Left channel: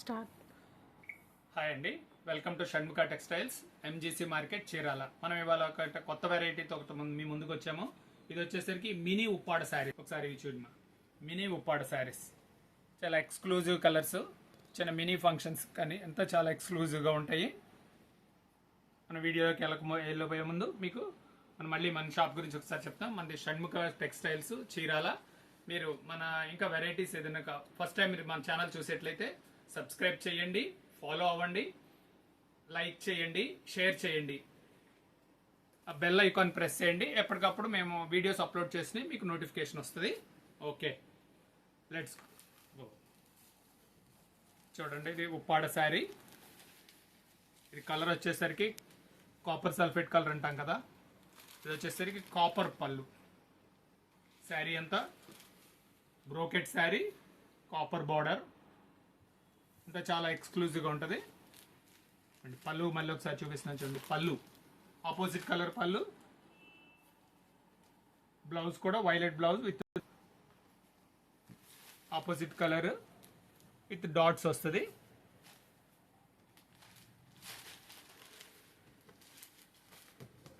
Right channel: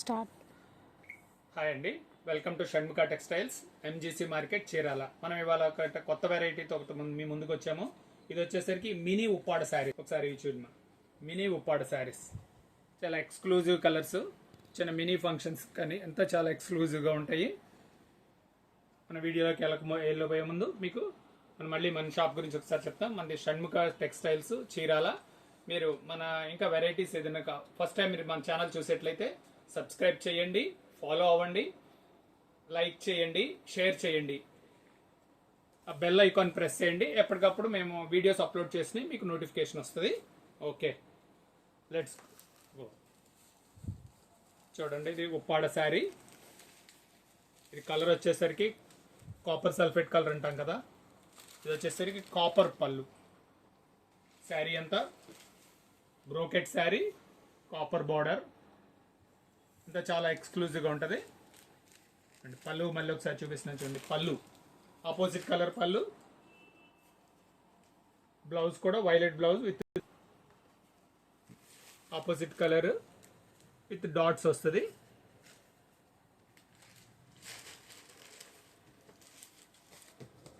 Start. Hi అండి, welcome to Shanmukha textiles MGC market Chirala. మనం ఇవాళ ఒక కొత్త వెరైటీతో మీ ముందుకు వచ్చాము. ఇది వచ్చేసరికి మినీ ఉప్పాడ శారీ. ఒకసారి చూడమా, మినీ ఉప్పాడ శారీస్ చాలా ఎక్స్క్లూజివ్ కలర్స్, చిన్న మినీ ఫంక్షన్స్ కానీ ఎంతో చాలా ఎక్స్క్లూజివ్గా ఉంటాయి. మన వీడియోలోకి వెళ్ళబోయే ముందు మీకు మళ్ళీ మన షాప్ గురించి ఒకసారి చెప్తాం. మనది షణ్ముఖ టెక్స్టైల్స్ చీరాల. మీరు మన ఇంకా వెరైటీస్ ఏదైనా ఫస్ట్ టైం మీరు మన ఛానల్ చూసేట్లయితే సబ్స్క్రైబ్ చేయండి, ఫాలో అవ్వండి, లైక్ చేయండి, షేర్ చేయండి, ఆ బెల్ ఐకాన్ ప్రెస్ చేయండి. ఎప్పటికప్పుడు మేము వీడియోస్ అప్లోడ్ చేసి మీకు నోటిఫికేషన్ వస్తుంది. Okay, let's go. చూడండి, ఇది ఉప్పాడ శారీ. ఇది కలర్ వచ్చేసరికి కాపర్ సల్ఫేట్ కలర్ అంటాం కదా, ఇది వచ్చేసరికి కాపర్ పళ్ళు. శారీ అంతా బ్రోకెట్ శారీ, కాపర్ బార్డర్, ఇంకా చాలా ఎక్స్క్లూజివ్గా ఉంటుంది. పళ్ళు మళ్ళీ ఒకసారి చూపిస్తున్నాను చూడండి. పళ్ళు ఆపోజిట్ కలర్ పళ్ళు, బ్లౌజ్ కూడా violet blouse with opposite colour with dots వస్తుంది.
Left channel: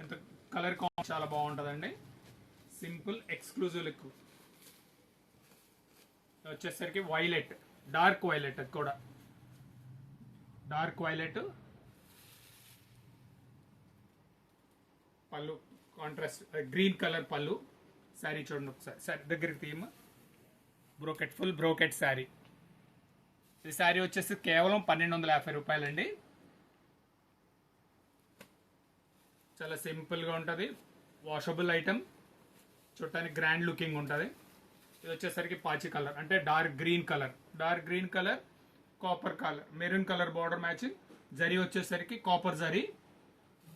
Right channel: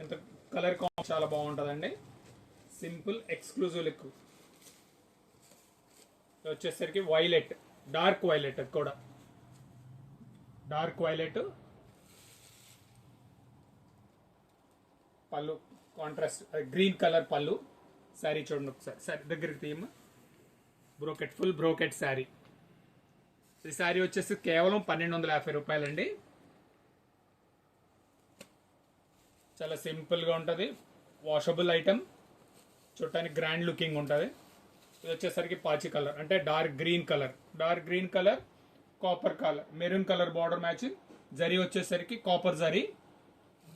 ఇంత కలర్ కాంబినేషన్ చాలా బాగుంటుందండి. Simple exclusive look. వచ్చేసరికి వైలెట్, డార్క్ వైలెట్, కూడా డార్క్ వైలెట్ పళ్ళు, కాంట్రాస్ట్ గ్రీన్ కలర్ పళ్ళు. శారీ చూడండి ఒకసారి, శారీ దగ్గరికి తీయమ్మా. Brocade, full brocade sari. ఈ శారీ వచ్చేసి కేవలం 1250 రూపాయలండి. చాలా సింపుల్గా ఉంటుంది, వాషబుల్ ఐటమ్, చూడటానికి గ్రాండ్ లుకింగ్ ఉంటుంది. ఇది వచ్చేసరికి పాచి కలర్, అంటే dark green colour, dark green colour, copper colour, maroon colour border matching. Zari వచ్చేసరికి కాపర్ జరీ.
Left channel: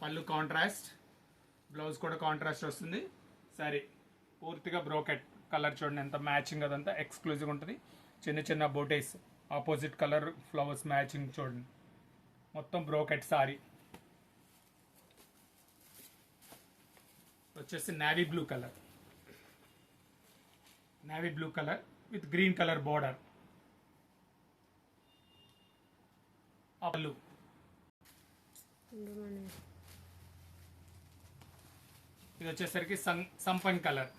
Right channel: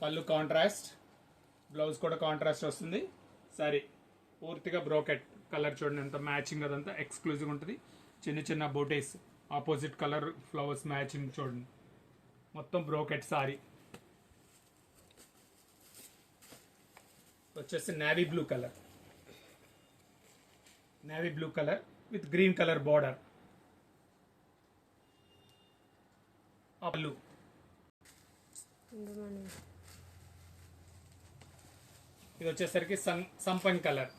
పళ్ళు కాంట్రాస్ట్, బ్లౌజ్ కూడా కాంట్రాస్ట్ వస్తుంది. సారీ పూర్తిగా బ్రోకెట్ కలర్ చూడండి, ఎంత మ్యాచింగ్, అదంతా ఎక్స్క్లూజివ్ ఉంటుంది. చిన్న చిన్న బోటేస్, ఆపోజిట్ కలర్ ఫ్లవర్స్ మ్యాచింగ్ చూడండి. మొత్తం బ్రోకెట్ సారీ. వచ్చేసి navy blue colour, navy blue colour with green colour border. పళ్ళు ఇది వచ్చేసరికి సంపంగ్ colour,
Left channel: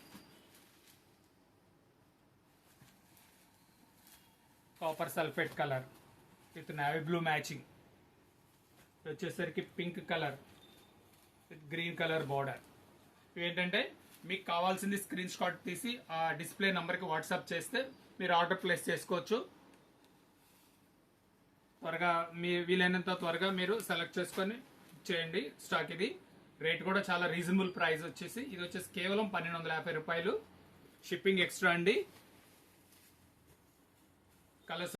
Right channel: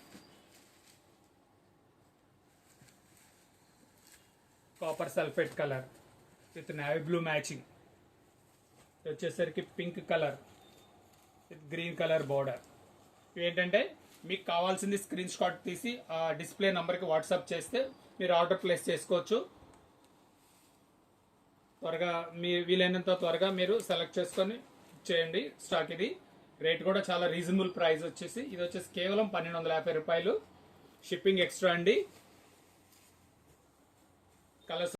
copper sulphate colour with navy blue matching. ఇది వచ్చేసరికి pink colour with green colour border. ఏంటంటే మీకు కావాల్సింది స్క్రీన్ షాట్ తీసి ఆ డిస్ప్లే నంబర్కి వాట్సాప్ చేస్తే మీరు ఆర్డర్ ప్లేస్ చేసుకోవచ్చు. త్వరగా మీ వీలైనంత త్వరగా మీరు సెలెక్ట్ చేసుకొని చేయండి. స్టాక్ ఇది. రేట్ కూడా చాలా రీజనబుల్ ప్రైస్ వచ్చేసి, ఇది వచ్చేసి కేవలం 1250 రూపాయలు. షిప్పింగ్ ఎక్స్ట్రా అండి. కలర్స్